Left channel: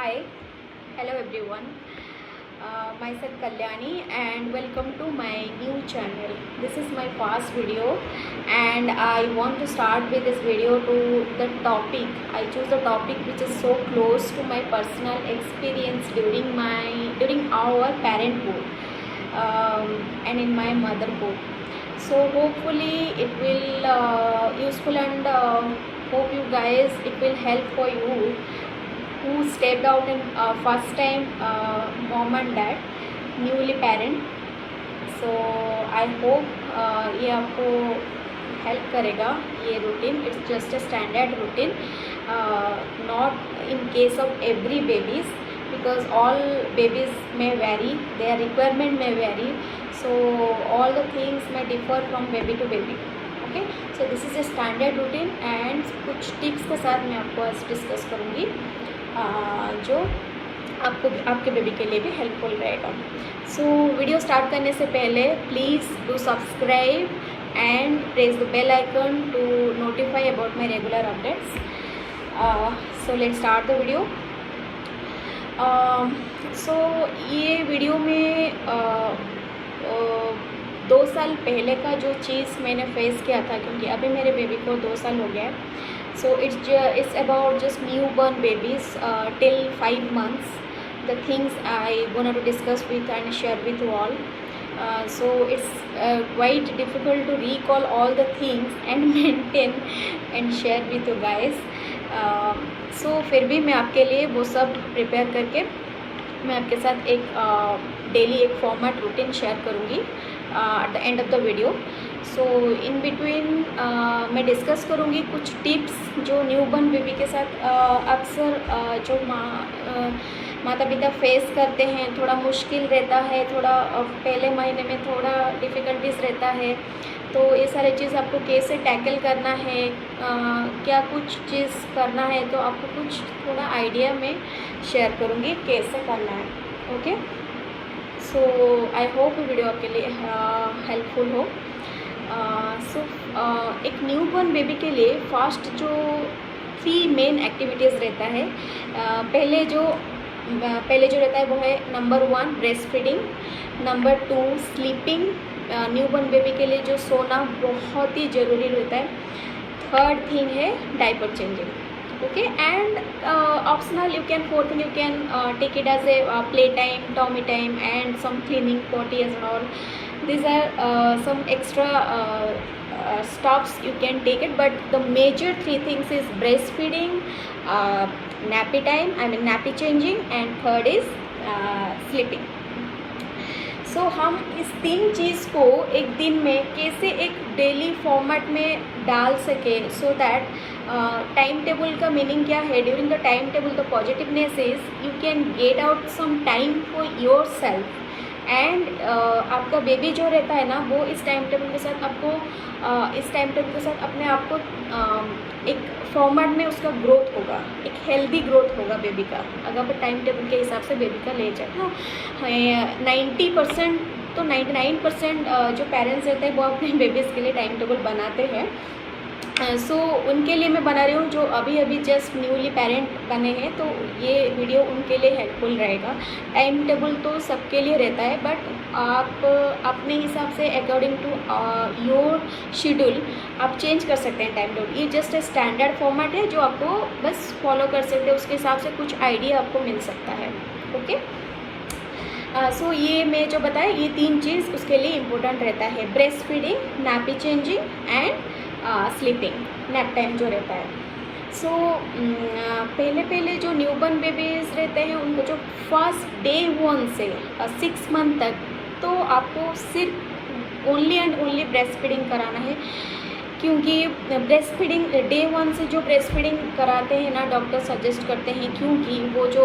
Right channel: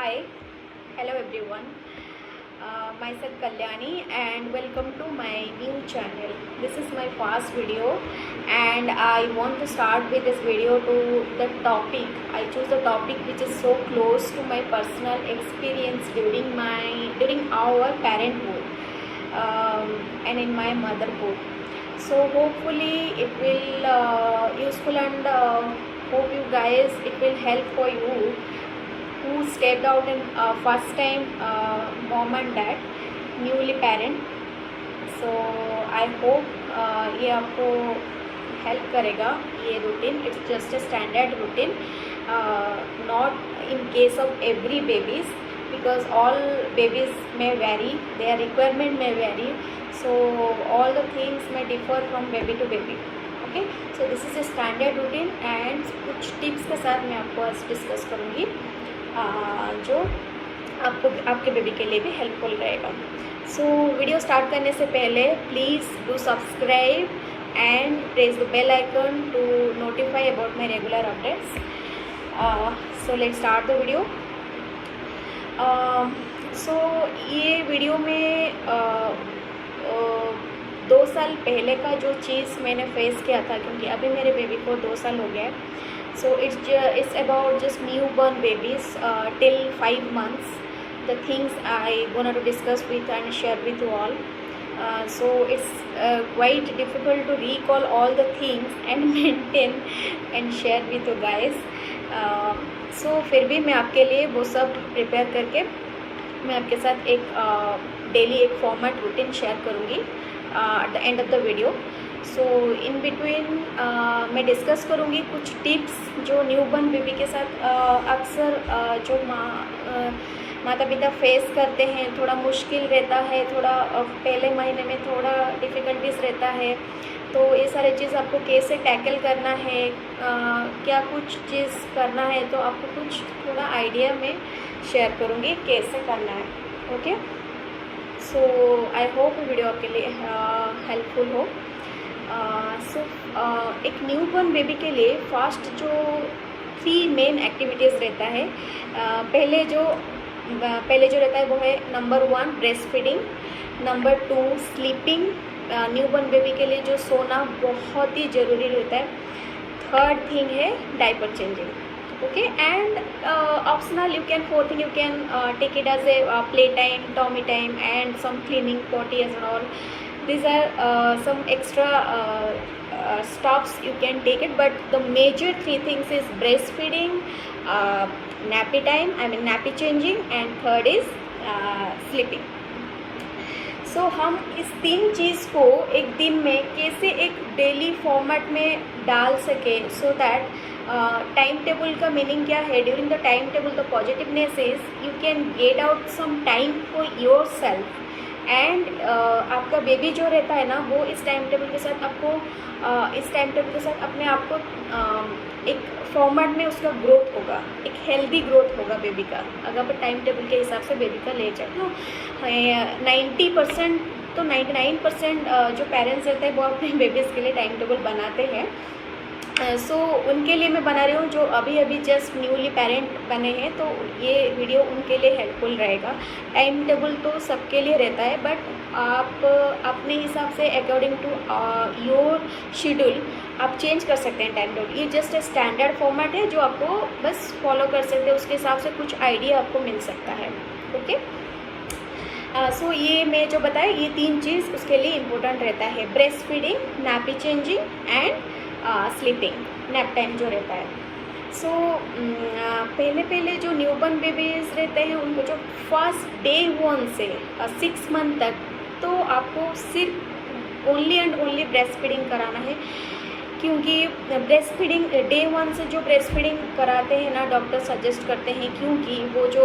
Hi, hello everyone. Myself Kalyani and welcome to my new channel. This is my first video and I want to start with this video to the topic. I choose the topic which is so close to my personal experience during our parenthood and in my motherhood. So hopefully it will useful and hope you guys it will help for you who stepped out in first time mom and dad newly parent. So I hope ये आपको help करेगा ये routine. It's just a standard routine, not in case of every babies because all babies may vary, their requirement may vary, so all the things may differ from baby to baby. Okay, so this is a standard routine and कुछ tips के साथ मैं आपको आज discuss करूँगी जो आपको आपके बेबी के लिए भी हेल्पफुल रहेगा. सो वीडियो स्टार्ट करने से पहले please do subscribe and press the bell icon to notify about my regular updates. So let's start the video. So ये वीडियो में 2 साल पहले का जो चीज़ मैंने फेस किया था, क्योंकि अभी मेरे बेबी को 2 साल हो गया है. So it's about just newborn babies till 5 months. The things I wanted to discuss with and share with you all. So it's quite difficult to recall all the things and maintain and share with you guys. So फिर भी मैं आपके लिए वो सब prepare करके मैं आपके साथ एक डेली एक फॉर्मेट रूटीन शेयर करूँगी at the end of the video. So in between मैं डिस्कस करूँगी कुछ टिप्स जो न्यूबॉर्न बेबी के साथ अक्सर जो माता पिता फेस करते हैं. थोड़ा मुश्किल रहता है, थोड़ा पहले महीने में थोड़ा डिफ़िकल्टीज रहता है. तो ये सारी चीज़ आपको कैसे टैकल करना है, क्या कुछ चीज़ करना है, तो आपको कुछ थोड़ा आइडिया में शेयर करूँगी कैसे करना है. Okay, so I hope video आपके लिए हेल्पफुल हो. सो एक न्यूबॉर्न बेबी के लिए फर्स्ट जो 3 मेन एक्टिविटीज़ रहता है. पहले जो रहता है वो है number 1 breast feeding, number 2 sleeping. Newborn baby के लिए जो सोना बहुत ही ज़रूरी रहता है. थर्ड थिंग है diaper changing. Okay, and optional you can 4th thing you can take it as a play time, tummy time and some cleaning potty as and all. These are some extra stops you can take it, but the major 3 things is breastfeeding, nappy time, I mean nappy changing, and third is sleeping. सो हम इस 3 चीज़ को एक दिन में कैसे एक daily format में डाल सके, सो दैट टाइम टेबल का मीनिंग क्या है. During the time table the positiveness is you can get out some time for your self and आपका बेबी जो रहता है ना वो इस टाइम टेबल के साथ अपने आप को एक फॉर्मेट में उसका ग्रोथ होगा, एक हेल्दी ग्रोथ होगा बेबी का. अगर आप टाइम टेबल के हिसाब से बेबी का ले जाए तो 90% तो 99% जो पेरेंट्स रहते हैं वो अपने बेबीज़ के लिए टाइम टेबल बनाते हैं. सो उनके लिए मैं बना रही हूँ जो अभी जस्ट न्यूली पेरेंट बने हैं, तो ये वीडियो उनके लिए हेल्पफुल रहेगा. टाइम टेबल तो सबके लिए रहता है, बट आप अपने हिसाब से अकॉर्डिंग टू योर शेड्यूल आप चेंज कर सकते हैं टाइम टेबल. ये जस्ट ए स्टैंडर्ड फॉर्मेट है जो आपको बस फॉलो कर सकते हैं, उसके हिसाब से कुछ आइडिया आपको मिल सकता है. ओके, सो ये मैं जो बताया ये 3 चीज़ उसके लिए इम्पोर्टेंट रहता है. Breast feeding, nappy changing and sleeping, nap time जो रहता है. सो पहले जो न्यूबॉर्न बेबीज़ रहते हैं उनको जो फर्स्ट डे 1 से 6 मंथ तक तो आपको सिर्फ only and only breast feeding कराना है. क्योंकि ब्रेस्ट फीडिंग डे 1 से जो ब्रेस्ट फीडिंग कराते हैं ना डॉक्टर सजेस्ट करते हैं, क्योंकि वो जो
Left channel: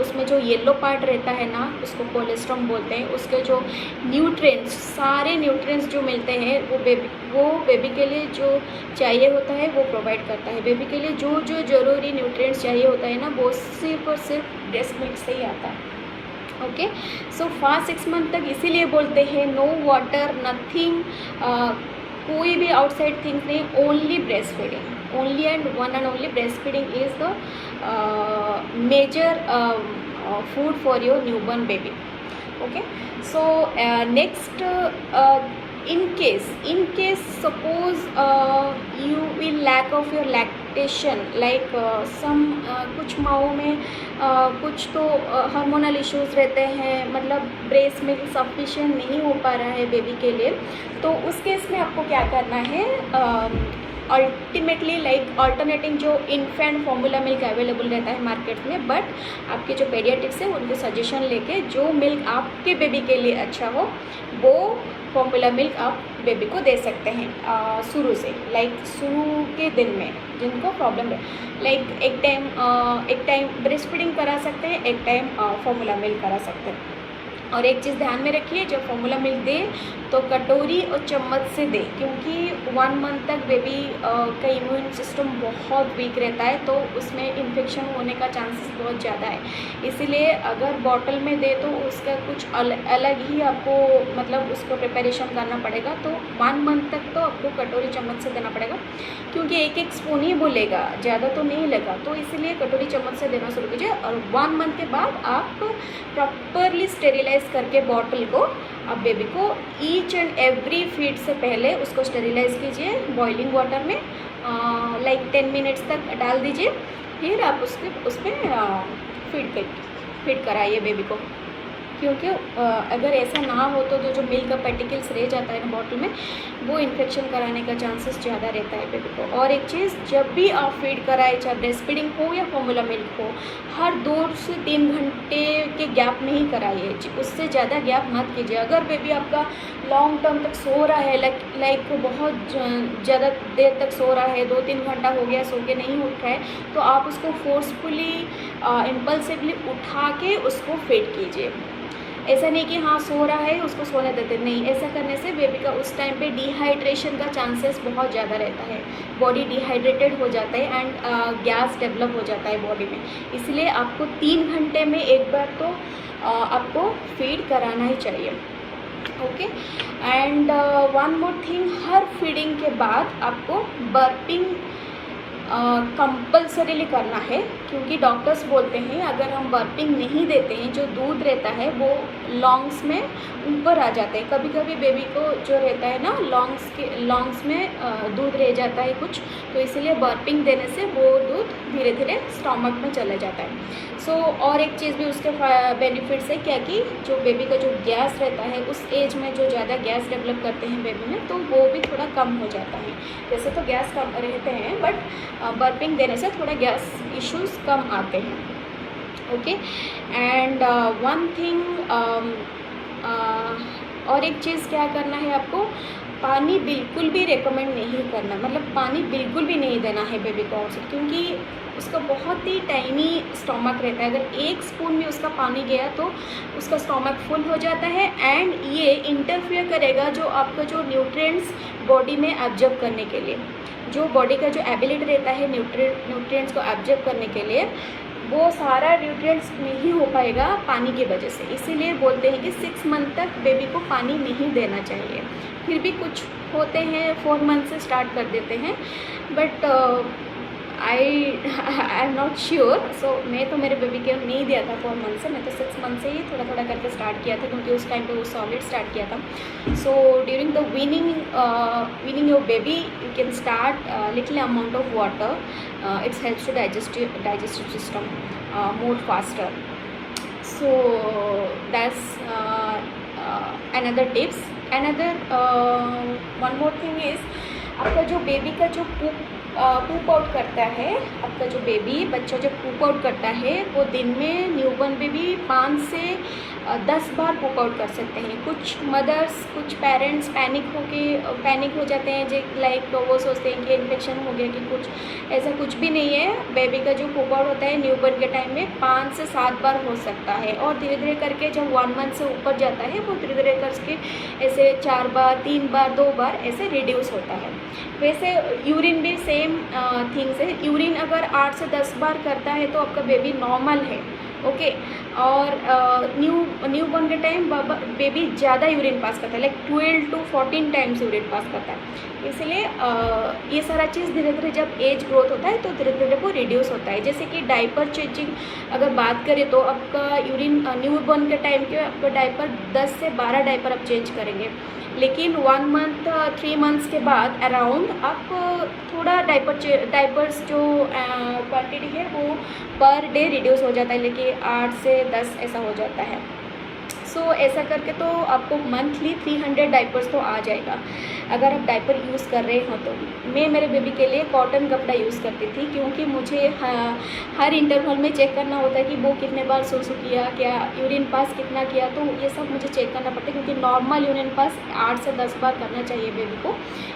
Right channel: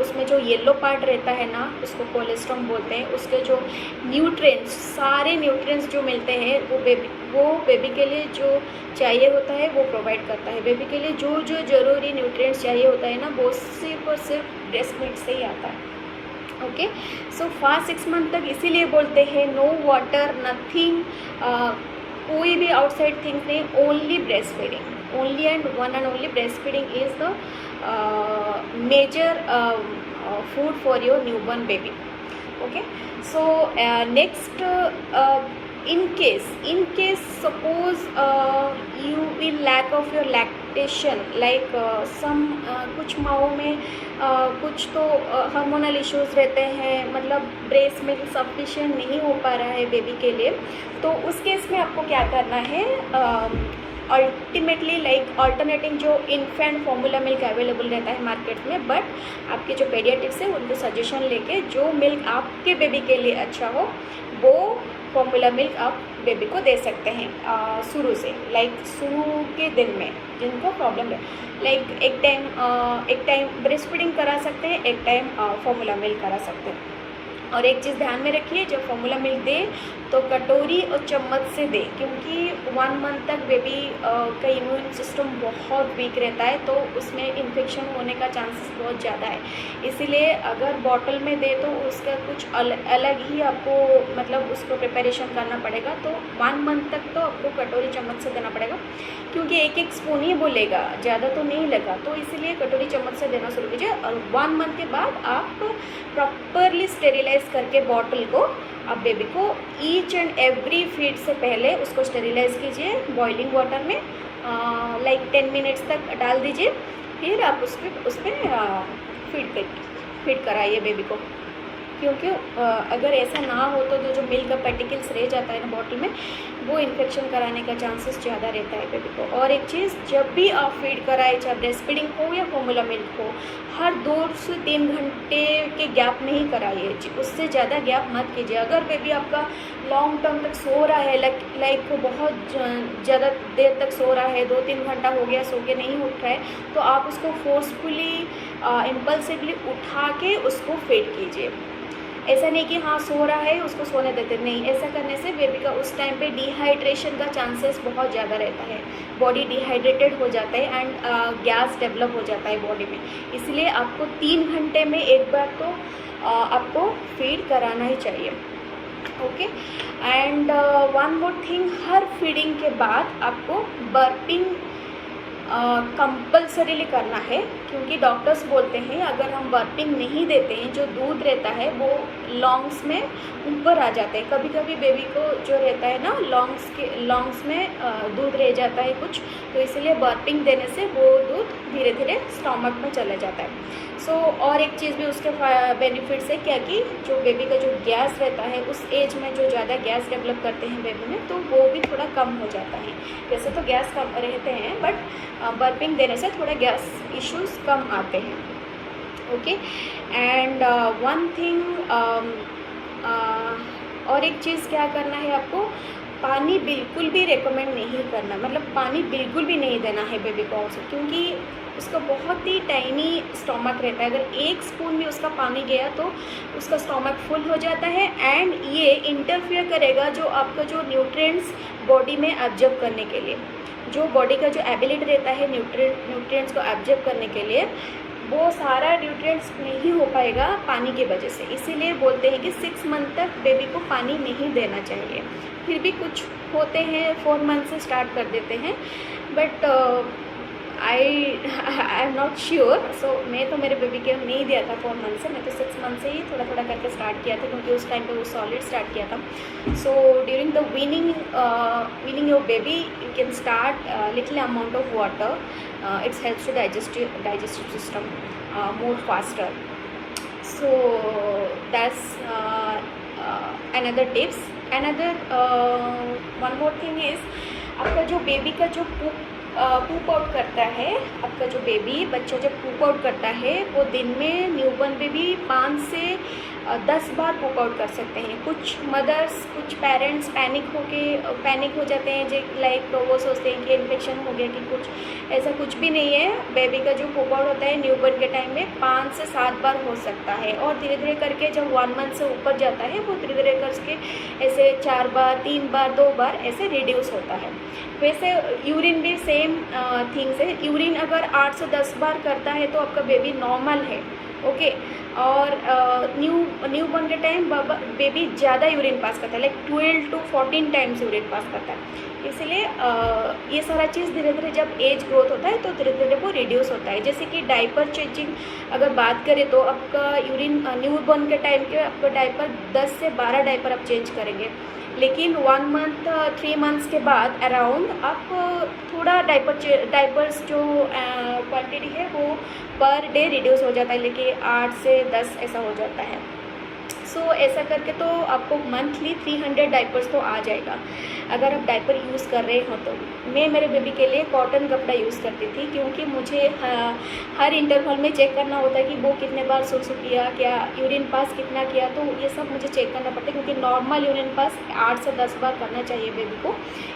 उसमें जो येलो पार्ट रहता है ना उसको कोलेस्ट्रॉम बोलते हैं. उसके जो न्यूट्रिएंट्स सारे न्यूट्रिएंट्स जो मिलते हैं वो बेबी के लिए जो चाहिए होता है वो प्रोवाइड करता है. बेबी के लिए जो ज़रूरी न्यूट्रिएंट्स चाहिए होता है ना वो सिर्फ और सिर्फ ब्रेस्ट मिल्क से ही आता है. ओके, सो फर्स्ट 6 मंथ तक इसीलिए बोलते हैं नो वाटर नथिंग, कोई भी आउटसाइड थिंग्स नहीं, only breast feeding, only and one and only breast feeding is the major food for your newborn baby. Okay, so next, in case suppose you will lack of your lactation, like some कुछ माओं में कुछ तो hormonal issues रहते हैं, मतलब breast milk sufficient नहीं हो पा रहा है बेबी के लिए, तो उस केस में आपको क्या करना है, अल्टीमेटली लाइक अल्टरनेटिंग जो इन्फेंट फॉर्मूला मिल्क अवेलेबल रहता है मार्केट में, बट आपके जो पेडियाट्रिक्स है उनके सजेशन लेके जो मिल्क आपके बेबी के लिए अच्छा हो वो फॉर्मूला मिल्क आप बेबी को दे सकते हैं शुरू से, लाइक शुरू के दिन में जिनको प्रॉब्लम है, लाइक एक टाइम ब्रेस्ट फीडिंग करा सकते हैं, एक टाइम फॉर्मूला मिल्क करा सकते हैं। और एक चीज़ ध्यान में रखिए, जब फॉर्मूला मिल्क दे तो कटोरी और चम्मच से दे, क्योंकि 1 मंथ तक बेबी का इम्यून सिस्टम बहुत वीक रहता है, तो उसमें इन्फेक्शन होने का चांसेस बहुत ज़्यादा है। इसीलिए अगर बॉटल में दे तो उसका कुछ अलग ही आपको मतलब उसको प्रिपरेशन करना पड़ेगा, तो 1 मंथ तक तो आपको कटोरी चम्मच से देना पड़ेगा, क्योंकि एक स्पून ही वो लेगा, ज़्यादा तो नहीं लेगा, तो इसीलिए कटोरी चम्मच से देना शुरू कीजिए। और 1 मंथ के बाद आप प्रॉपरली स्टेरिलाइज करके बॉटल को आप बेबी को ईच एंड एवरी फीड से पहले उसको स्टेरिलाइज कीजिए बॉइलिंग वाटर में, लाइक 10 मिनट्स तक डाल दीजिए, फिर आप उस पर फीड कराइए बेबी को, क्योंकि अगर ऐसा ना हो तो जो मिल्क का पैटिकल्स रह जाता है ना बॉटल में, वो इन्फेक्शन कराने का चांसेस ज़्यादा रहता है बेबी को। और एक चीज़, जब भी आप फीड कराए, चाहे ब्रेस्ट फीडिंग हो या फॉर्मूला मिल्क हो, हर 2 से 3 घंटे के गैप में ही कराइए, उससे ज़्यादा गैप मत कीजिए। अगर बेबी आपका लॉन्ग टर्म तक सो रहा है, लाइक बहुत ज़्यादा देर तक सो रहा है, 2-3 घंटा हो गया सो के नहीं उठ रहा है, तो आप उसको फोर्सफुली इम्पल्सिवली उठा के उसको फीड कीजिए। ऐसा नहीं कि हाँ सो रहा है उसको सोने देते, नहीं, ऐसा करने से बेबी का उस टाइम पे डिहाइड्रेशन का चांसेस बहुत ज़्यादा रहता है, बॉडी डिहाइड्रेटेड हो जाता है एंड गैस डेवलप हो जाता है बॉडी में। इसलिए आपको 3 घंटे में एक बार तो आपको फीड कराना ही चाहिए। Okay, and 1 more thing, her feeding के बाद आपको बर्पिंग कंपल्सरीली करना है, क्योंकि डॉक्टर्स बोलते हैं अगर हम बर्पिंग नहीं देते हैं, जो दूध रहता है वो लॉन्ग्स में ऊपर आ जाता है। कभी कभी बेबी को जो रहता है ना लॉन्ग्स में दूध रह जाता है कुछ, तो इसीलिए बर्पिंग देने से वो दूध धीरे धीरे स्टमक में चला जाता है। और एक चीज़ भी उसके बेनिफिट्स है क्या, कि जो बेबी का जो गैस रहता है उस एज में जो ज़्यादा गैस डेवलप करते हैं बेबी में, तो वो भी थोड़ा कम हो जाता है। वैसे तो गैस कम रहते हैं, बट बर्पिंग देने से थोड़ा गैस इश्यूज कम आते हैं। ओके, एंड 1 थिंग, और एक चीज़ क्या करना है आपको, पानी बिल्कुल भी रेकमेंड नहीं करना, मतलब पानी बिल्कुल भी नहीं देना है बेबी को आउटसाइड, क्योंकि उसका बहुत ही टाइनी स्टमक रहता है। अगर 1 स्पून भी उसका पानी गया तो उसका स्टमक फुल हो जाता है, एंड ये इंटरफियर करेगा जो आपका जो न्यूट्रिएंट्स बॉडी में एब्जॉर्ब करने के लिए, जो बॉडी का जो एबिलिटी रहता है न्यूट्रिएंट्स को एब्जॉर्ब करने के लिए, वो सारा न्यूट्रिएंट्स नहीं हो पाएगा पानी की वजह से। इसीलिए बोलते हैं कि 6 मंथ तक बेबी को पानी नहीं देना चाहिए। फिर भी कुछ होते हैं 4 मंथ से स्टार्ट कर देते हैं, but I am not sure. So मैं तो मेरे बेबी के नहीं दिया था 4 मंथ से, मैं तो 6 मंथ से ही थोड़ा थोड़ा करके स्टार्ट किया था, क्योंकि उस टाइम पे वो सॉलिड स्टार्ट किया था। So during the weaning your baby you can start little amount of water, it's helps to digestive system more faster. So that's another tips. Another one more thing is, आपका जो baby का जो पूप out करता है, आपका जो baby बच्चा जब पूप आउट करता है, वो दिन में न्यूबॉर्न बेबी 5 से 10 बार पूप आउट कर सकते हैं। कुछ मदर्स, कुछ पेरेंट्स पैनिक हो जाते हैं, जो लाइक वो सोचते हैं कि इन्फेक्शन हो गया कि कुछ, ऐसा कुछ भी नहीं है। बेबी का जो पूप आउट होता है न्यूबॉर्न के टाइम में 5 से 7 बार हो सकता है, और धीरे धीरे करके जब 1 मंथ से ऊपर जाता है वो धीरे धीरे करके ऐसे 4 बार, 3 बार, 2 बार ऐसे रिड्यूस होता है। वैसे यूरिन भी सेम थिंग्स है। यूरिन अगर 8 से 10 बार करता है तो आपका बेबी नॉर्मल है। ओके। और न्यू बॉर्न के टाइम बेबी ज़्यादा यूरिन पास करता है, like 12 to 14 times urine pass करता है। इसलिए ये सारा चीज़ धीरे धीरे जब एज ग्रोथ होता है तो धीरे धीरे वो रिड्यूस होता है। जैसे कि डाइपर चेंजिंग अगर बात करें तो आपका यूरिन न्यू बॉर्न के टाइम के आपका डाइपर 10 से 12 डाइपर आप चेंज करेंगे, लेकिन 1 मंथ 3 मंथ्स के बाद अराउंड आप थोड़ा डाइपर्स जो क्वांटिटी है वो पर डे रिड्यूस हो जाता है, लेकिन 8 से 10 ऐसा हो जाता है। सो ऐसा करके तो आपको मंथली 300 डाइपर्स तो आ जाएगा अगर आप डाइपर यूज़ कर रहे हो तो। मैं मेरे बेबी के लिए कॉटन कपड़ा यूज़ करती थी, क्योंकि मुझे हर इंटरवल में चेक करना होता है कि वो कितने बार सूसू किया, क्या यूरिन पास कितना किया, तो ये सब मुझे चेक करना पड़ता है, क्योंकि नॉर्मल यूरिन पास 8 से 10 बार करना चाहिए बेबी को,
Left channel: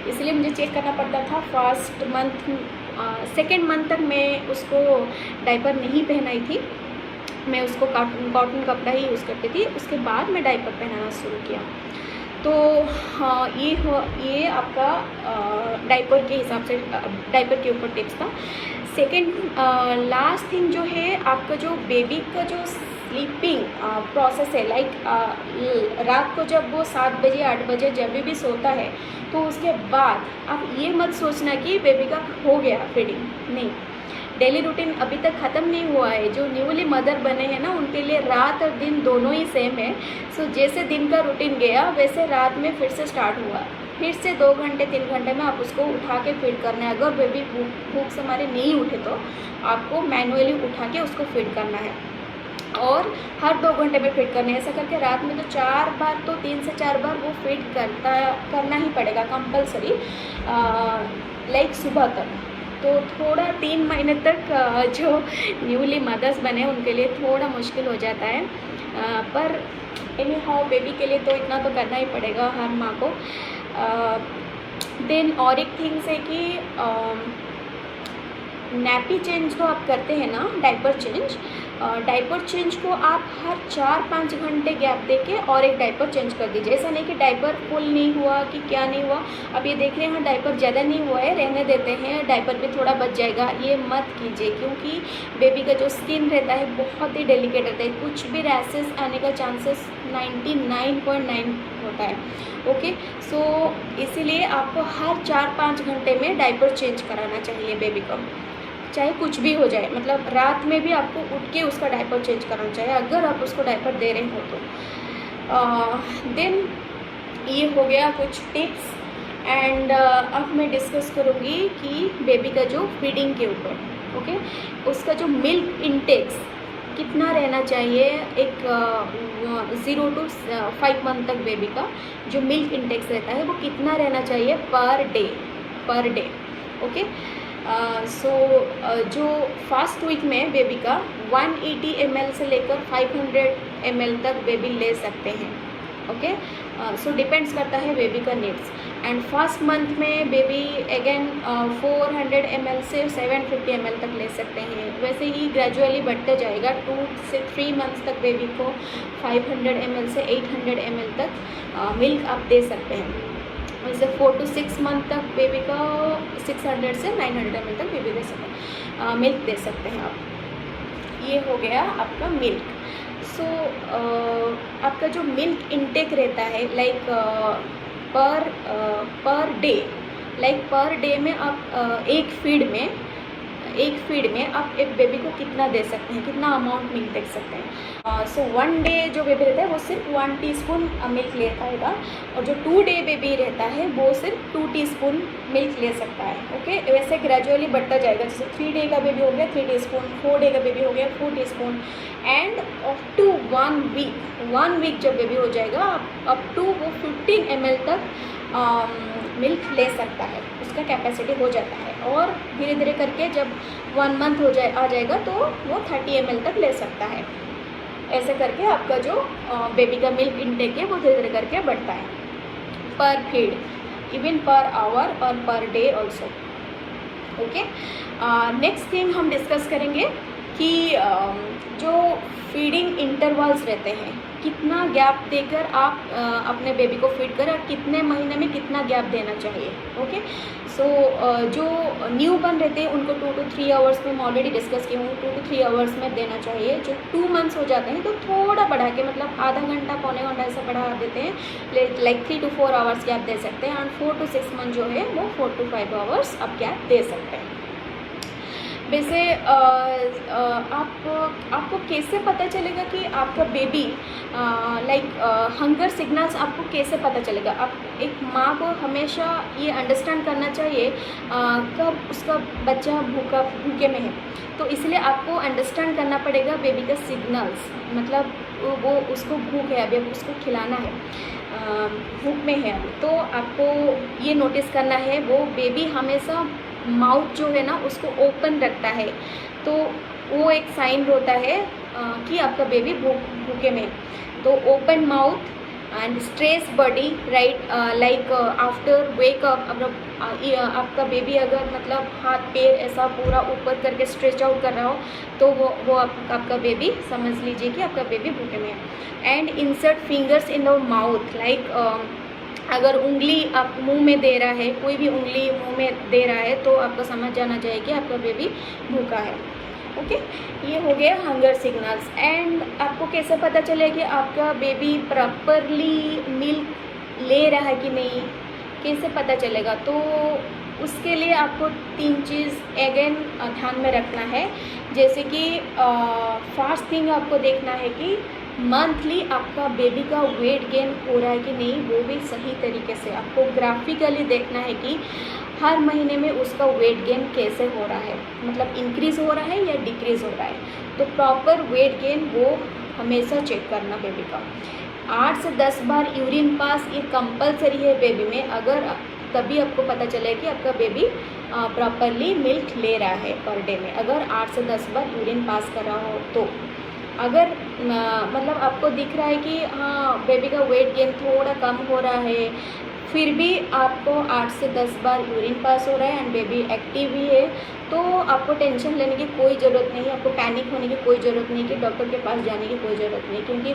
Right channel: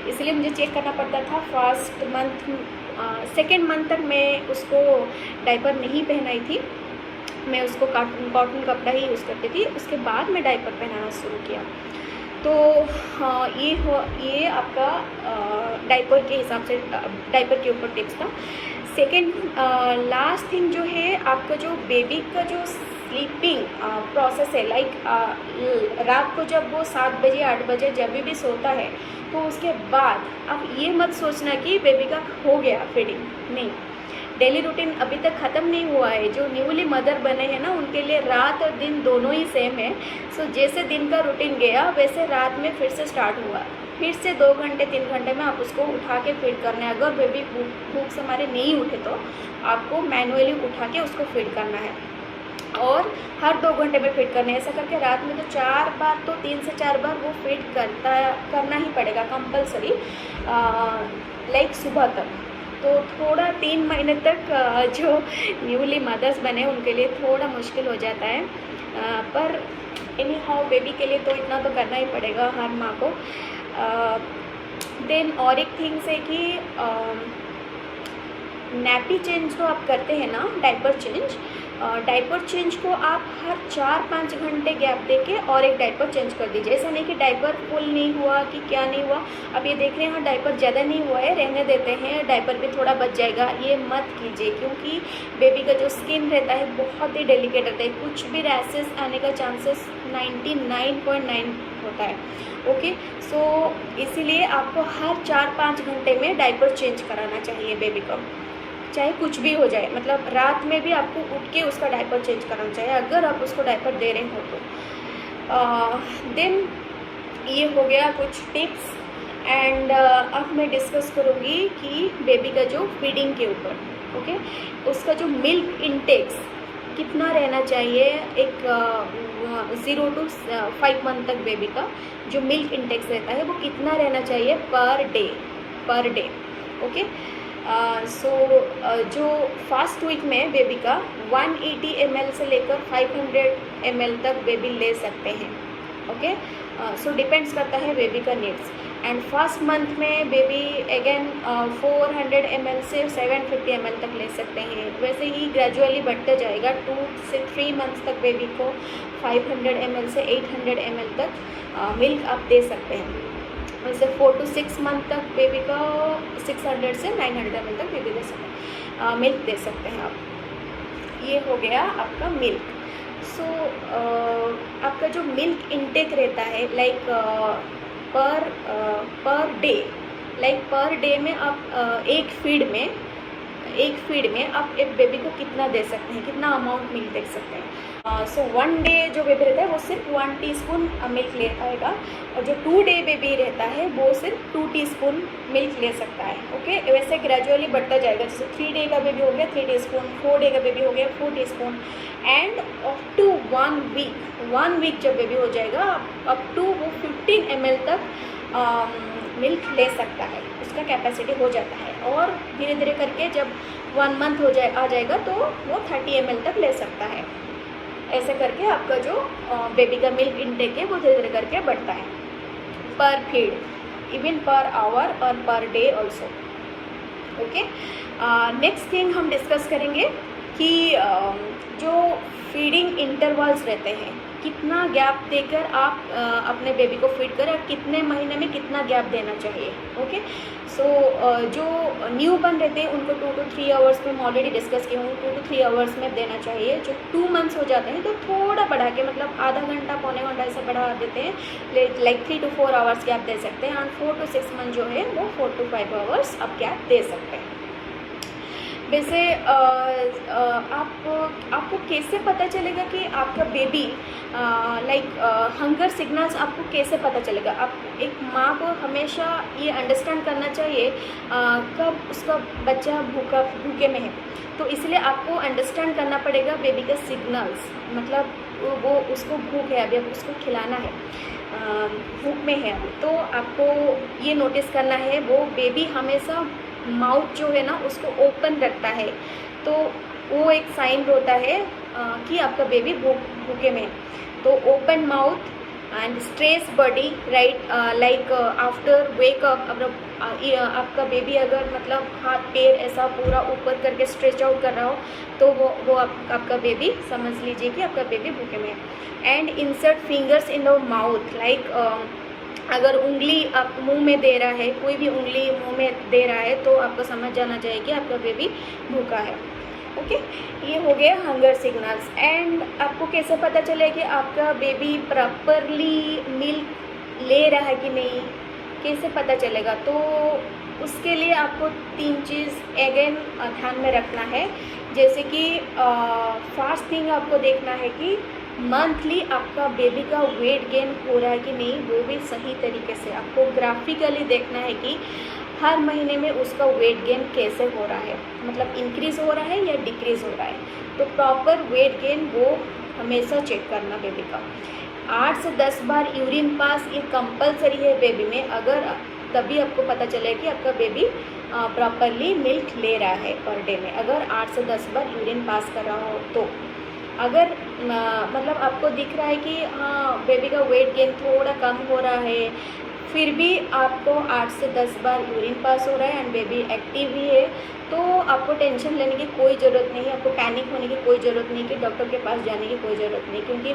इसलिए मुझे चेक करना पड़ता था। फर्स्ट मंथ सेकेंड मंथ तक मैं उसको डाइपर नहीं पहनाई थी, मैं उसको कॉटन कपड़ा ही यूज़ करती थी। उसके बाद मैं डाइपर पहनाना शुरू किया। तो हाँ, ये आपका डाइपर के हिसाब से डाइपर के ऊपर टिप्स था। सेकेंड लास्ट थिंग जो है, आपका जो बेबी का जो स्लीपिंग प्रोसेस है, लाइक रात को जब वो 7 बजे 8 बजे जब भी सोता है, तो उसके बाद आप ये मत सोचना कि बेबी का हो गया फीडिंग, नहीं। डेली रूटीन अभी तक ख़त्म नहीं हुआ है। जो न्यूली मदर बने हैं ना, उनके लिए रात और दिन दोनों ही सेम है। सो जैसे दिन का रूटीन गया वैसे रात में फिर से स्टार्ट हुआ, फिर से 2 घंटे 3 घंटे में आप उसको उठा के फीड करना है। अगर बेबी भूख से हमारे नहीं उठे तो आपको मैनुअली उठा के उसको फीड करना है, और हर 2 घंटे में फीड करना है। ऐसा करके रात में तो 4 बार, तो 3 से 4 बार वो फीड करना ही पड़ेगा कंपलसरी, लाइक सुबह तक। तो थोड़ा 3 महीने तक जो न्यूली मदर्स बने उनके लिए थोड़ा मुश्किल हो जाता है, पर एनी हाउ बेबी के लिए तो इतना तो करना ही पड़ेगा हर माँ को। देन और एक थिंग्स है कि नैपी चेंज तो आप करते हैं ना, डाइपर चेंज को आप हर 4-5 घंटे गैप देके और एक डाइपर चेंज कर दीजिए। ऐसा नहीं कि डाइपर फुल नहीं हुआ कि क्या नहीं हुआ, अब ये देख रहे हैं हाँ डाइपर ज़्यादा नहीं हुआ है, रहने देते हैं, डाइपर भी थोड़ा बच जाएगा, ये मत कीजिए, क्योंकि बेबी का जो स्किन रहता है बहुत ही डेलिकेट रहता है। कुछ भी रैसेस आने का चांसेस 99.9 होता है। ओके, सो इसीलिए आपको हर 4-5 घंटे में डाइपर चेंज कराना चाहिए बेबी को, चाहे कुछ भी हो जाए। मतलब रात में भी आपको उठ के उसका डाइपर चेंज करना चाहिए अगर आप उसको डाइपर दे रहे हो तो। देन ये हो गया कुछ टिप्स, एंड अब मैं डिस्कस करूँगी कि बेबी का जो फीडिंग के ऊपर, ओके, उसका जो मिल्क इंटेक्स कितना रहना चाहिए। एक 0 to 5 मंथ तक बेबी का जो मिल्क इंटेक्स रहता है वो कितना रहना चाहिए पर डे, ओके। सो जो फर्स्ट वीक में बेबी का 180 ml से लेकर 500 ml तक बेबी ले सकते हैं, ओके। सो डिपेंड्स करता है बेबी का नीड्स। एंड फर्स्ट मंथ में बेबी अगेन 400 ml से 750 ml तक ले सकते हैं। वैसे ही ग्रेजुअली बढ़ता जाएगा। 2 से 3 मंथ्स तक बेबी को 500 ml से 800 ml तक मिल्क आप दे सकते हैं। वैसे 4 to 6 मंथ तक बेबी का 600 से 900 ml तक बेबी दे सकते हैं, मिल्क दे सकते हैं आप। ये हो गया आपका मिल्क। सो आपका जो मिल्क इनटेक रहता है, like per day, like per day में आप एक फीड में आप एक बेबी को कितना दे सकते हैं, कितना अमाउंट मिल्क दे सकते हैं। सो 1 डे जो बेबी रहता है वो सिर्फ 1 टीस्पून मिल्क ले पाएगा, और जो 2 डे बेबी रहता है वो सिर्फ 2 टीस्पून मिल्क ले सकता है, ओके। वैसे ग्रेजुअली बढ़ता जाएगा। जैसे 3 डे का बेबी हो गया 3 टीस्पून, 4 डे का बेबी हो गया 4 teaspoon, and up to 1 week जब बेबी हो जाएगा अप टू वो 15 ml तक मिल्क ले सकता है, उसका कैपेसिटी हो जाता है। और धीरे धीरे करके जब 1 मंथ आ जाएगा तो वो 30 ml तक ले सकता है। ऐसे करके आपका जो बेबी का मिल्क इनटेक है वो धीरे धीरे करके बढ़ता है, पर फीड, इवन पर आवर और per day also, okay. Next thing हम डिस्कस करेंगे कि जो फीडिंग इंटरवल्स रहते हैं, कितना गैप देकर आप अपने बेबी को फीड करें और कितने महीने में कितना गैप देना चाहिए। ओके, सो जो न्यू बर्न रहते हैं उनको 2 to 3 आवर्स में मैं ऑलरेडी डिस्कस की हूँ, 2 to 3 आवर्स में देना चाहिए। जो 2 मंथ्स हो जाते हैं तो थोड़ा बढ़ा के, मतलब आधा घंटा पौने घंटा ऐसा बढ़ा देते हैं, लाइक 3 to 4 आवर्स गैप दे सकते हैं। और 4 to 6 मंथ जो है वो 4 to 5 आवर्स आप गैप दे सकते हैं। वैसे आपको कैसे पता चलेगा कि आपका बेबी लाइक हंगर सिग्नल्स आपको कैसे पता चलेगा? आप एक माँ को हमेशा ये अंडरस्टैंड करना चाहिए कब उसका बच्चा भूखे में है। तो इसलिए आपको अंडरस्टैंड करना पड़ेगा बेबी का सिग्नल्स, मतलब वो उसको भूख है, अभी अब उसको खिलाना है, भूख में है अभी, तो आपको ये नोटिस करना है वो बेबी हमेशा माउथ जो है ना उसको ओपन रखता है, तो वो एक साइन होता है कि आपका बेबी भूखे में है। तो open mouth and stress body, right, like after wake up आपका बेबी अगर मतलब हाथ पैर ऐसा पूरा ऊपर करके स्ट्रेच आउट कर रहा हो तो वो आपका बेबी समझ लीजिए कि आपका बेबी भूखे में है। And insert fingers in the mouth, like अगर उंगली आप मुंह में दे रहा है, कोई भी उंगली मुंह में दे रहा है तो आपको समझ जाना चाहिए कि आपका बेबी भूखा है। ओके, ये हो गया हंगर सिग्नल्स। एंड आपको कैसे पता चले कि आपका बेबी प्रॉपरली मिल्क ले रहा है कि नहीं, कैसे पता चलेगा? तो उसके लिए आपको 3 चीज़ अगेन ध्यान में रखना है। जैसे कि फर्स्ट थिंग आपको देखना है कि मंथली आपका बेबी का वेट गेन हो रहा है कि नहीं, वो भी सही तरीके से आपको ग्राफिकली देखना है कि हर महीने में उसका वेट गेन कैसे हो रहा है, मतलब इंक्रीज़ हो रहा है या डिक्रीज़ हो रहा है। तो प्रॉपर वेट गेन वो हमेशा चेक करना बेबी का। 8 से 10 बार यूरिन पास ये कंपलसरी है बेबी में, अगर तभी आपको पता चले कि आपका बेबी प्रॉपरली मिल्क ले रहा है पर डे में। अगर 8 से 10 बार यूरिन पास कर रहा हो तो, अगर मतलब आपको दिख रहा है कि हाँ बेबी का वेट गेन थोड़ा कम हो रहा है, फिर भी आपको 8 से 10 बार यूरिन पास हो रहा है एंड बेबी एक्टिव भी है, तो आपको टेंशन लेने की कोई ज़रूरत नहीं है, आपको पैनिक होने की कोई ज़रूरत नहीं, कि डॉक्टर के पास जाने की कोई ज़रूरत नहीं। क्योंकि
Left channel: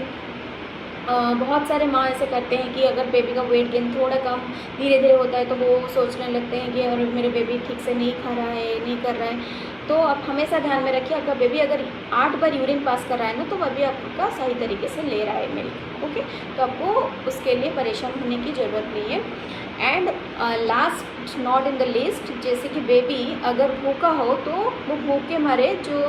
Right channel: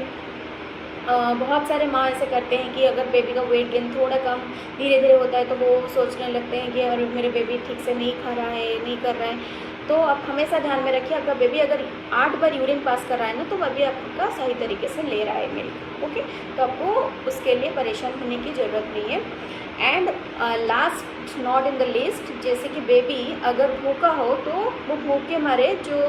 बहुत सारे माँ ऐसे करते हैं कि अगर बेबी का वेट गेन थोड़ा कम धीरे धीरे होता है तो वो सोचने लगते हैं कि अरे मेरे बेबी ठीक से नहीं खा रहा है, नहीं कर रहा है। तो आप हमेशा ध्यान में रखिए, आपका बेबी अगर 8 बार यूरिन पास कर रहा है ना तो वह भी आपका सही तरीके से ले रहा है मिल्क। ओके, तो आपको उसके लिए परेशान होने की ज़रूरत नहीं है। And last not in the list, जैसे कि बेबी अगर भूखा हो तो वो भूख के मारे जो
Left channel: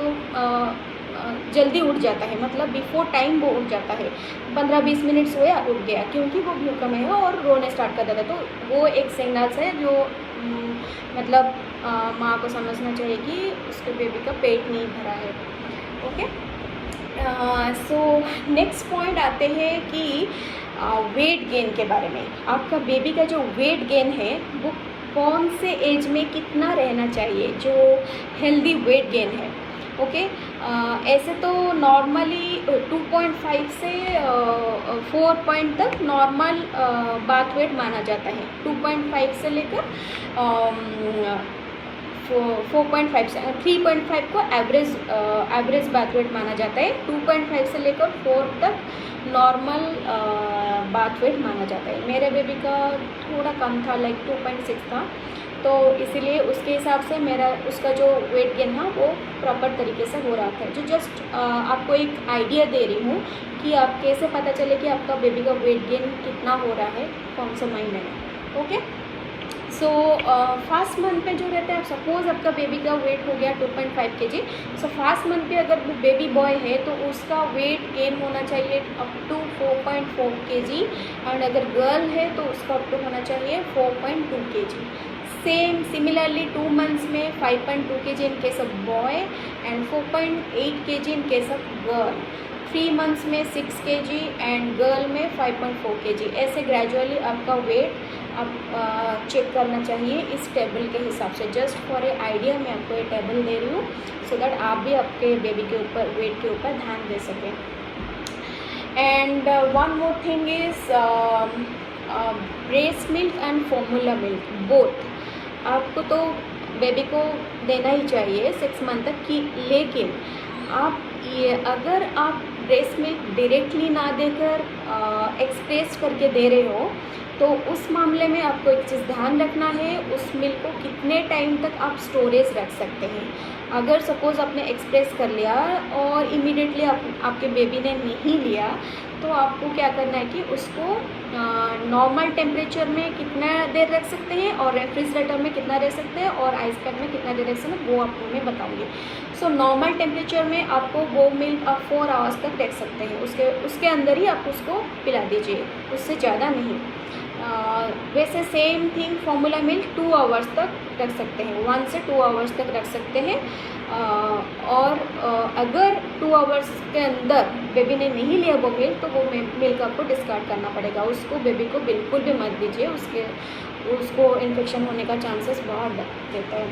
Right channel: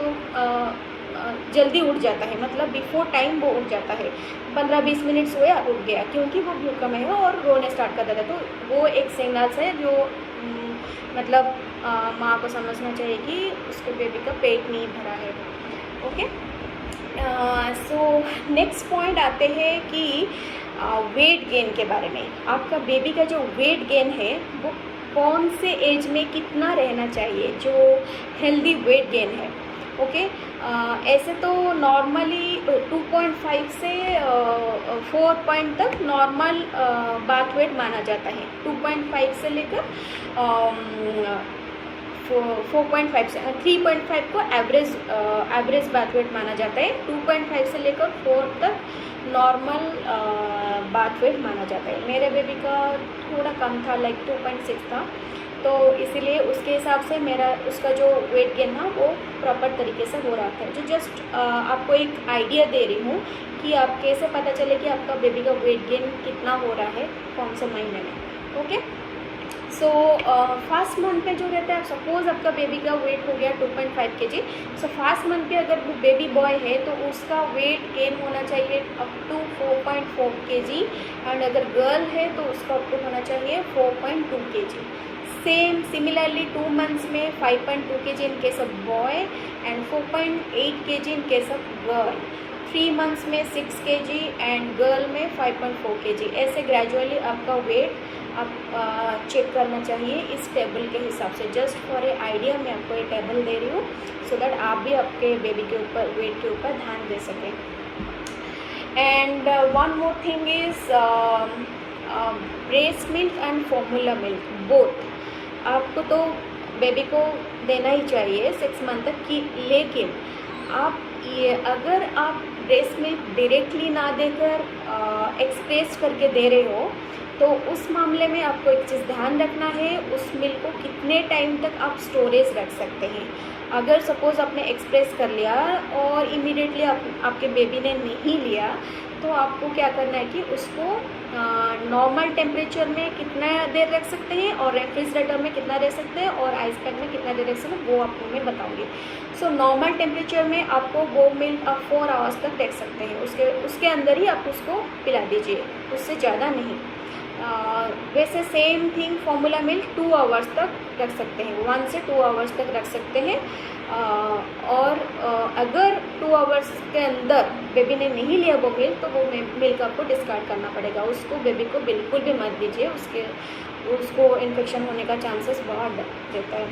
जल्दी उठ जाता है, मतलब बिफोर टाइम वो उठ जाता है, 15-20 मिनट सोया उठ गया क्योंकि वो भूखा में है और रोने स्टार्ट कर देता है। तो वो एक सिग्नल्स है जो मतलब माँ को समझना चाहिए कि उसके बेबी का पेट नहीं भरा है। ओके, सो नेक्स्ट पॉइंट आते हैं कि वेट गेन के बारे में। आपका बेबी का जो वेट गेन है वो कौन से एज में कितना रहना चाहिए, जो हेल्दी वेट गेन है। ओके, ऐसे तो नॉर्मली 2.5 से 4 पॉइंट तक नॉर्मल बाथ वेट माना जाता है। 2.5 से लेकर 4.5 से 3.5 को एवरेज बाथ वेट माना जाता है। 2.5 से लेकर 4 तक नॉर्मल बाथ वेट माना जाता है। मेरे बेबी का थोड़ा कम था, लाइक 2.6 था, तो इसीलिए उसके हिसाब से उसका जो वेट गेन था वो प्रॉपर तरीके से हो रहा था। जो जस्ट आपको एक आइडिया दे रही हूँ कि आप कैसे पता चले कि आपका बेबी का वेट गेन कितना हो रहा है कौन से महीने में। ओके, सो फर्स्ट मंथ पे जो रहता है, सपोज़ आपका बेबी का वेट हो गया 2.5 kg, सो फर्स्ट मंथ पे अगर वो बेबी बॉय है तो उसका वेट गेन होना चाहिए अप टू 4.4 kg, एंड अगर गर्ल है तो उसका अप टू होना चाहिए 4.2 kg। सिमिलरली 2 मंथ्स में 5.2 kg in case of boy and 4.8 kg in case of girl. 3 months में 6 kg एंड गर्ल में 5.4 kg। ऐसे ग्रेजुअली आपका वेट आप चेक करना चाहिए इस टेबल के हिसाब से। जस्ट फॉर ए आइडिया मैं आपको ये टेबल दे रही हूँ सो दैट आप भी आपके बेबी के ऊपर वेट के ऊपर ध्यान दे सकें। And one more thing is breast milk and formula milk both आपको तो बेबी को देना ही चाहिए 6 मंथ तक की, लेकिन आप ये अगर आप ब्रेस्ट मिल्क डायरेक्टली ना देकर एक्सप्रेस करके दे रहे हो तो उस मामले में आपको एक चीज़ ध्यान रखना है, उस मिल्क को कितने टाइम तक आप स्टोरेज रख सकते हैं। अगर सपोज़ आपने एक्सप्रेस कर लिया और इमीडिएटली आपके बेबी ने नहीं लिया तो आपको क्या करना है कि उसको नॉर्मल टेम्परेचर में कितना देर रख सकते हैं और रेफ्रिजरेटर में कितना रख सकते हैं और आइस पैक में कितना देर रख सकते हैं वो आपको मैं बताऊंगी। सो नॉर्मल टेम्परेचर में आपको वो मिल्क आप 4 आवर्स तक रख सकते हैं, उसके अंदर ही आप उसको पिला दीजिए, उससे ज़्यादा नहीं। वैसे same thing formula milk 2 hours तक रख सकते हैं, 1 से 2 आवर्स तक रख सकते हैं। और अगर 2 आवर्स के अंदर बेबी ने नहीं लिया वो मिल्क तो वो मिल्क आपको डिस्कार्ड करना पड़ेगा। उसको बेबी को बिल्कुल भी मत दीजिए, उसको इन्फेक्शन होने का चांसेस बहुत रहता है।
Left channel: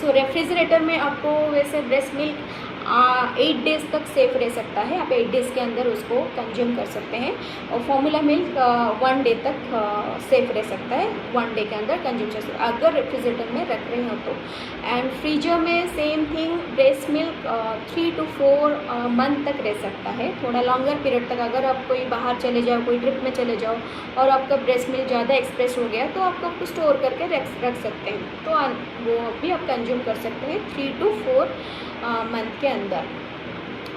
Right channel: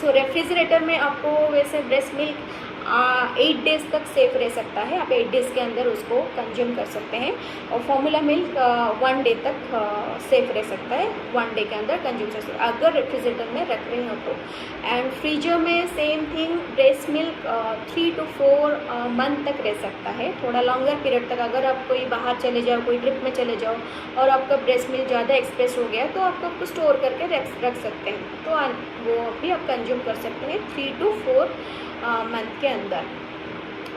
सो रेफ्रिजरेटर में आपको वैसे ब्रेस्ट मिल्क 8 डेज़ तक सेफ रह सकता है, आप 8 डेज़ के अंदर उसको कंज्यूम कर सकते हैं। और फॉर्मूला मिल्क 1 डे तक सेफ रह सकता है, 1 डे के अंदर कंज्यूम कर सकते हैं अगर रेफ्रिजरेटर में रख रहे हो तो। एंड फ्रीजर में same thing, breast milk 3 to 4 month तक रह सकता है, थोड़ा लॉन्गर पीरियड तक। अगर आप कोई बाहर चले जाओ, कोई ट्रिप में चले जाओ और आपका ब्रेस्ट मिल्क ज़्यादा एक्सप्रेस हो गया तो आप आपको स्टोर करके रख सकते हैं, तो वो भी आप कंज्यूम कर सकते हैं 3 to 4 मंथ के अंदर।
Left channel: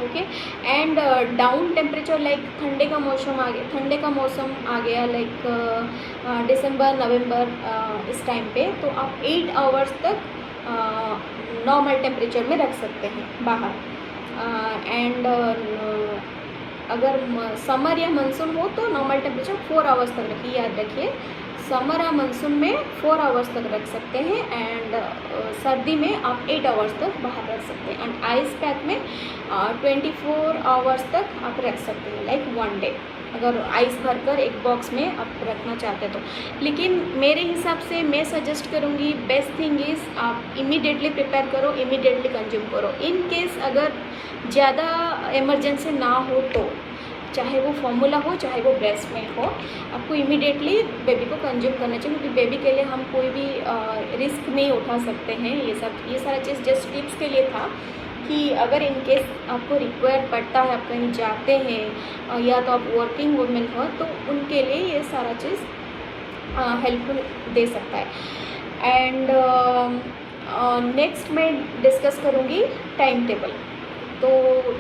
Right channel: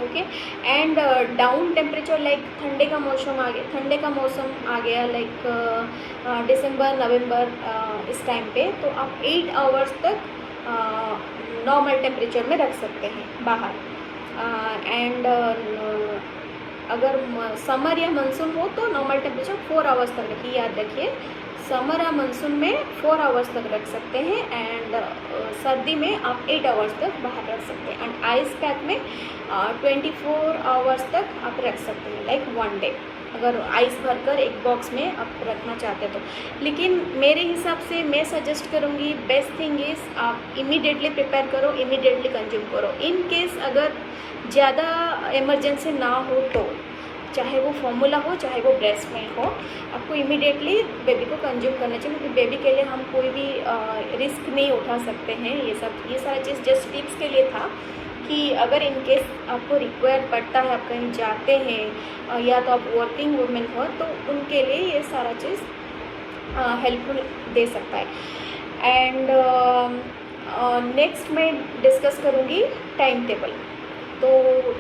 Okay. And down temperature like ठंडे का मौसम आ गया लाइक दिसंबर नवंबर इस टाइम पे, तो आप 8 आवर्स तक नॉर्मल टेम्परेचर में रख सकते हैं बाहर। एंड अगर समर या मानसून हो तो नॉर्मल टेम्परेचर 4 आवर्स तक रखिए, याद रखिए समर या मानसून में 4 आवर्स तक रख सकते हैं। एंड सर्दी में आप 8 आवर्स तक बाहर रख सकते हैं। एंड आइस पैक में 24 आवर्स तक आप रख सकते हैं, लाइक 1 डे, अगर आइस भरकर एक बॉक्स में आप रखना चाहते हैं तो। लेकिन मेरे हिसाब से मैं सजेस्ट करूँगी, बेस्ट थिंग इज़ आप इमीडिएटली प्रिपेयर करो, इमीडिएटली कंज्यूम करो। इन केस अगर ज़्यादा इमरजेंसी ना हो तो, चाहे वो फॉर्मूला हो चाहे वो ब्रेस्ट मिल्क हो, आपको इमीडिएटली बेबी को कंज्यूम करना चाहिए, क्योंकि बेबी के लिए हम कोई भी रिस्क नहीं उठा सकते हैं। ये सारा चीज़ जस्ट टिप्स के लिए था कि अगर इन केस आपको रिक्वायर पड़ता है, आप कहीं जाते हैं या तो आप वर्किंग वुमेन हो तो उनके लिए ये सारा चीज़ हेल्पफुल दे सकता है। एंड नेक्स्ट मैं डिस्कस करूँगी टाइम टेबल। तो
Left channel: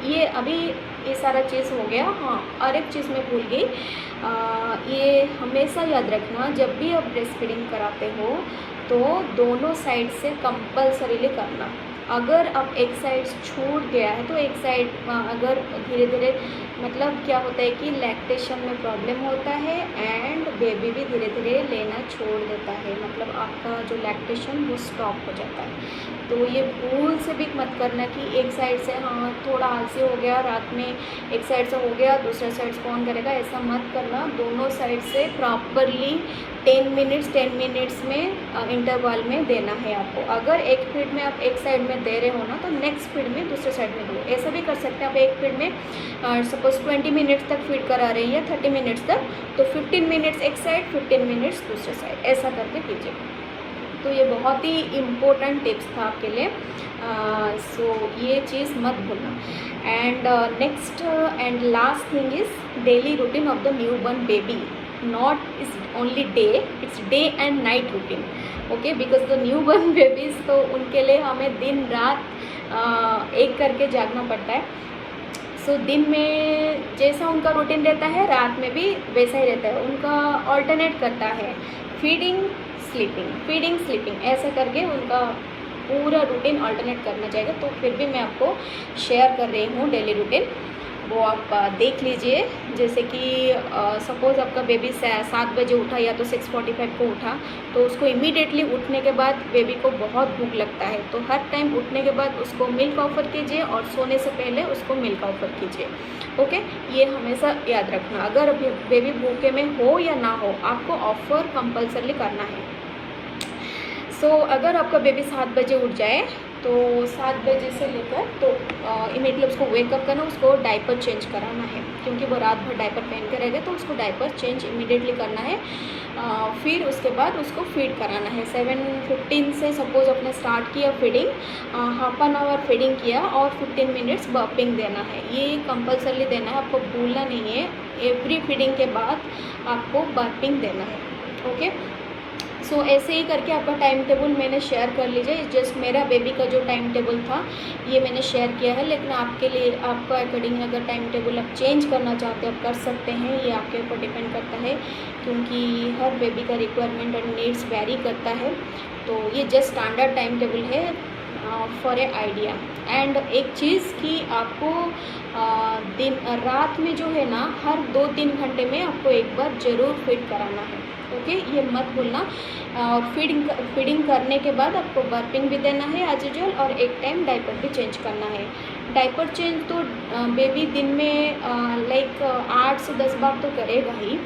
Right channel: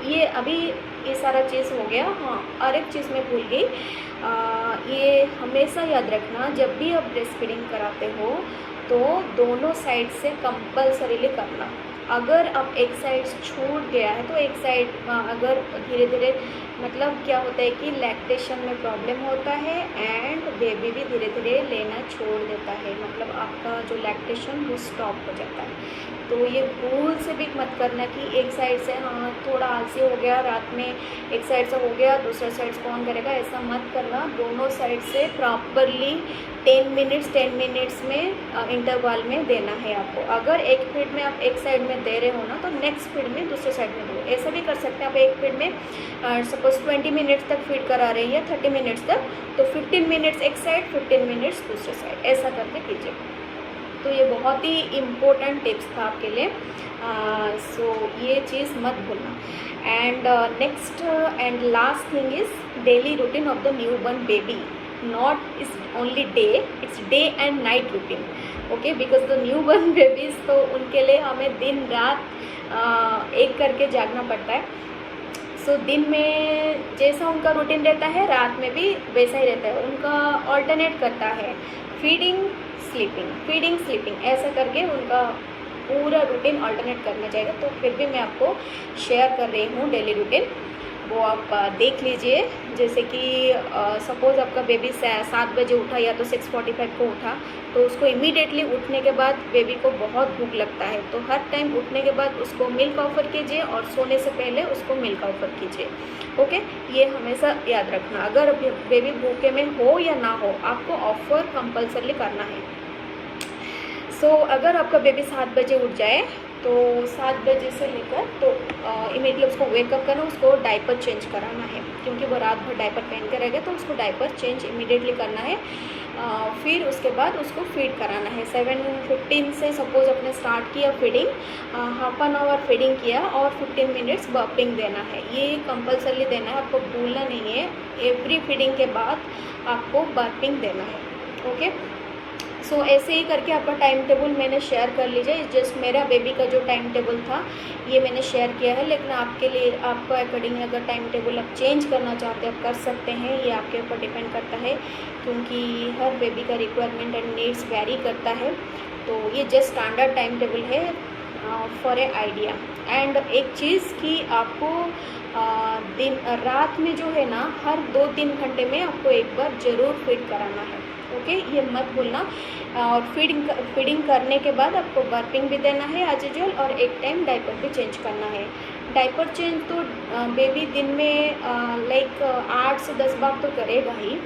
ये सारा चीज़ हो गया। हाँ, और एक चीज़ मैं भूल गई, ये हमेशा याद रखना, जब भी आप ब्रेस्ट फीडिंग कराते हो तो दोनों साइड से कंपल्सरीली करना। अगर अब एक साइड छूट गया है तो एक साइड अगर धीरे धीरे, मतलब क्या होता है कि लैक्टेशन में प्रॉब्लम होता है एंड बेबी भी धीरे धीरे लेना छोड़ देता है, मतलब आपका जो लैक्टेशन वो स्टॉप हो जाता है। तो ये भूल से भी मत करना कि एक साइड से हाँ थोड़ा आलसी हो गया, रात में एक साइड से हो गया दूसरा साइड से कौन करेगा, ऐसा मत करना। दोनों साइड से प्रॉपरली 10 मिनट्स में इंटरवल में देना है आपको। अगर एक फीड में आप एक साइड में दे रहे हो ना तो नेक्स्ट फीड में दूसरे साइड में दो। ऐसा भी कर सकते हैं, आप एक फीड में सपोज 20 मिनट्स तक फीड करा रहे हैं या 30 मिनट्स तक, तो 15 मिनट्स एक साइड 15 मिनट्स दूसरे साइड, ऐसा करके कीजिए। तो ये बहुत ही इम्पोर्टेंट टिप्स था आपके लिए, सो ये चीज़ मत भूलना। And next and last thing is daily routine of the new born baby, not is only day, it's day and night routine. Okay, because the new born babies तो उनके लिए हमें दिन रात एक करके जागना पड़ता है। सो दिन में जैसा उनका रूटीन रहता है रात में भी वैसा ही रहता है, उनका ऑल्टरनेट करता है, फीडिंग स्लीपिंग ऐसे करके उनका पूरा रूटीन ऑल्टरनेट करना चाहिए। तो फिर भी मैं आपको शेयर कर रही हूँ डेली रूटीन, वो आप देख लीजिए। जैसे कि सपोज़ आपका बेबी 7 बजे उठा या तो 6:45 को उठा, तो उसको इमीडिएटली उठने के बाद बेबी को बहुत भूख लगता है, तो हर टाइम उठने के बाद उसको मिल्क ऑफ़र कीजिए और सोने से पहले उसको मिल्क ऑफ़र कीजिए। ओके, ये हमेशा याद रखना, अगर बेबी भूखे में हो या ना हो आपको ऑफ़र कंपल्सरी करना है। सो अगर आपका बेबी 7 बजे उठ जाए तो 7 बजे से लेकर तो इमीडिएटली उसको वेकअप करना, उसको डायपर चेंज कराना है, क्योंकि वो रात भर डायपर पहन के रहेगा, तो उसको डायपर चेंज इमीडिएटली करना है। फिर उसके बाद उसको फीड कराना है। 7:15 से सपोज अपने स्टार्ट किया feeding, half an hour feeding किया और 15 मिनट्स बर्पिंग देना है। ये कंपल्सरी देना है, आपको भूलना नहीं है। एवरी फीडिंग के बाद आपको बर्पिंग देना है। ओके, सो ऐसे ही करके आपका टाइम टेबल मैंने शेयर कर लीजिए। जस्ट मेरा बेबी का जो टाइम टेबल था ये मैंने शेयर किया है, लेकिन आपके लिए आपको अकॉर्डिंग अगर टाइम टेबल आप चेंज करना चाहते हैं आप कर सकते हैं। ये आपके ऊपर डिपेंड करता है, क्योंकि हर बेबी का रिक्वायरमेंट एंड नीड्स वेरी करता है। तो ये जस्ट स्टैंडर्ड टाइम टेबल है फॉर ए आइडिया। एंड एक चीज़ कि आपको दिन रात में जो है ना, हर 2-3 घंटे में आपको एक बार ज़रूर फीड कराना है। ओके, ये मत भूलना। और फीडिंग करने के बाद आपको बर्पिंग भी देना है एज यूजुअल, और एक टाइम डायपर भी चेंज करना है। डायपर चेंज तो बेबी दिन में लाइक 8 से 10 बार तो करेगा ही।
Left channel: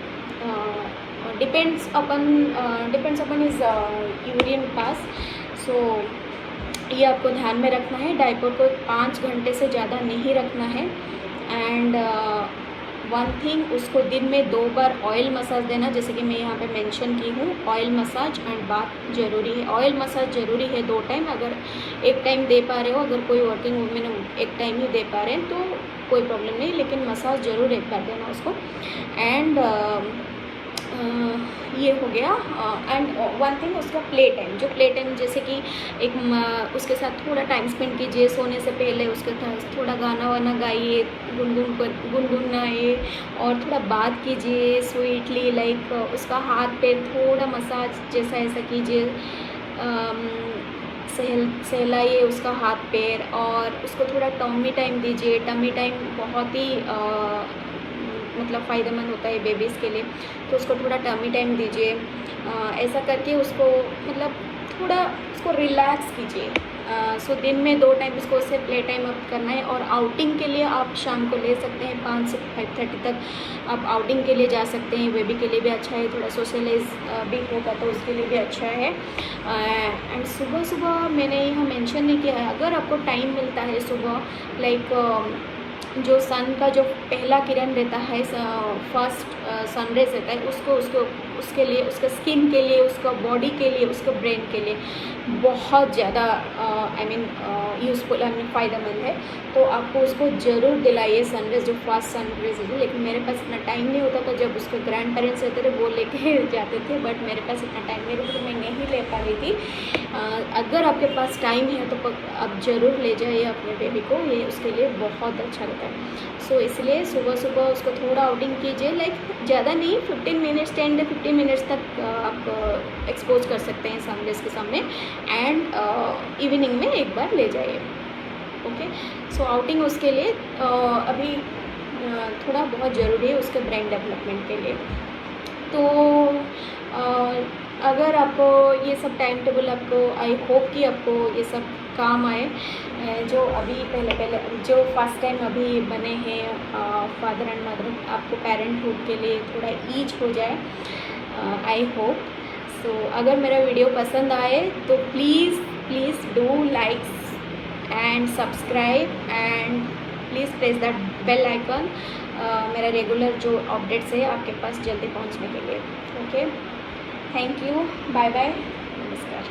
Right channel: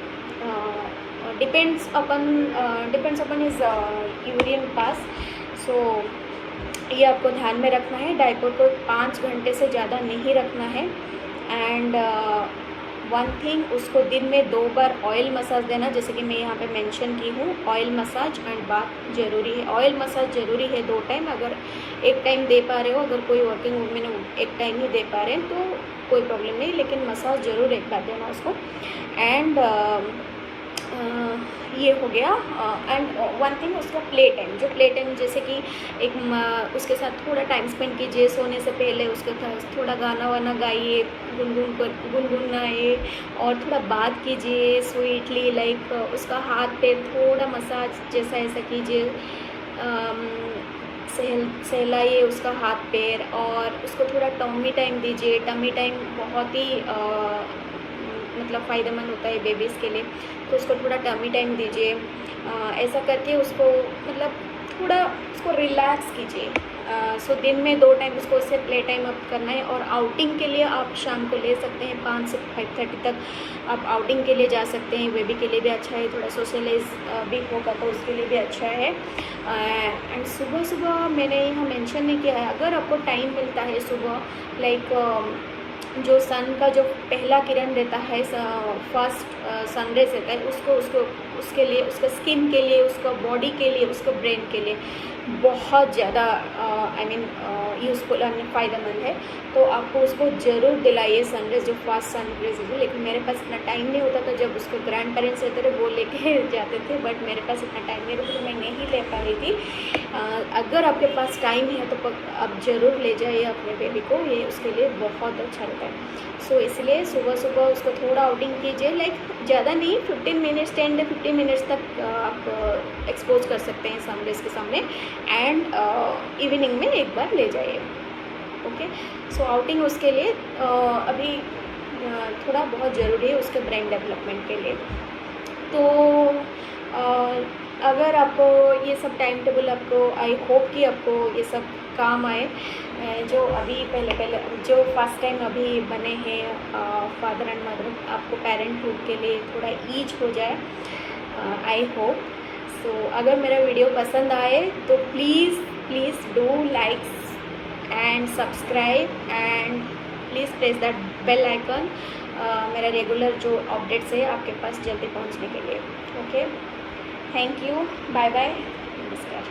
डिपेंड्स अपन हिज यूरिन पास। सो ये आपको ध्यान में रखना है। डायपर को 5 घंटे से ज़्यादा नहीं रखना है। एंड वन थिंग, उसको दिन में 2 बार ऑयल मसाज देना, जैसे कि मैं यहाँ पे मेंशन की हूँ। ऑयल मसाज एंड बाथ ज़रूरी है। ऑयल मसाज ज़रूरी है 2 टाइम, अगर एक टाइम दे पा रहे हो, अगर कोई वर्किंग वुमेन एक टाइम ही दे पा रहे हैं तो कोई प्रॉब्लम नहीं, लेकिन मसाज ज़रूर एक बार देना उसको। एंड ये हो गया। एंड वन थिंग, उसका प्ले टाइम, जो प्ले टाइम जैसे कि उसके साथ थोड़ा टाइम स्पेंड कीजिए सोने से पहले। उसके साथ थोड़ा गाना वाना गाइए, गुनगुनाइए और थोड़ा बात कीजिए स्वीटली, लाइक उसका हाथ पैर थोड़ा मसाज जैसा ऐसा कीजिए। सहलाइए उसका हाथ पैर, और उसको थोड़ा टमी टाइम दीजिए। टमी टाइम बहुत ही मतलब फ़ायदेमंद होता है बेबीज़ के लिए, तो उसको थोड़ा टमी टाइम दीजिए। ऐसा करके उसको मतलब थोड़ा उसको रिलैक्स कीजिए। सो दिन में 2 टाइम उसको उससे प्ले टाइम अप करना है। और आउटिंग के लिए आप शाम को ले सकते हैं 5 से 5:30 तक आप आउटिंग के लिए जा सकते हैं। बेबी के लिए भी अच्छा है, थोड़ा सोशलाइज भी होगा तो उसके लिए भी अच्छा है। एंड सुबह सुबह मैंने यहाँ मेंशन नहीं किया है, अगर आपको टाइम मिलता है सुबह, लाइक जो सन का जो पहला किरण रहता है, फर्स्ट सनराइज रहता है, उसके लिए, उसका स्किन के लिए, उसका बॉडी के लिए, उसका ब्रेन के लिए बहुत ज़्यादा यूज़फुल एंड फ़ायदेमंद है। तो आपको उसको ज़रूर दिलाइए सनराइज़, जो फर्स्ट सनराइज है। लेकिन मेरे पास इतना टाइम नहीं होता था, जब उसके ग्रैंड पेरेंट्स रहते थे वो लेके जाते थे, बट मेरे पास इतना टाइम नहीं रहता तो मैं नहीं ले पा रही थी। अगर आपके पास टाइम है तो आप ज़रूर ले जाइए अपने बेबी को, ये उसके लिए बहुत अच्छा रहता है। सो इसलिए सुबह सुबह उसको थोड़ा आउटिंग कीजिए, लाइक ज़्यादा नहीं, 15 मिनट्स 10 से 15 मिनट्स तक आप एक्सपोज कर सकते हैं सनराइज के सामने। एंड इवनिंग में एक बार ले जाइए। ओके, सो आउटिंग उसके लिए अभी थोड़ा बहुत ज़रूरी है उसके ब्रेन डेवलपमेंट के लिए। तो अगर आपको ये सब टाइम टेबल, आपको आई होप कि आपको ये सब काम आए, जो अभी पहले जो फर्स्ट टाइम अभी बने हैं फादर एंड मदर, आपको पेरेंटहुड के लिए थोड़ा ईज हो जाए, आई होप। सो अगर मेरा वीडियो पसंद आए तो please do likes and subscribe and please press that bell icon, मेरा रेगुलर जो अपडेट्स है आपके पास जल्दी पहुंचने के लिए। Okay, thank you, bye bye, नमस्कार।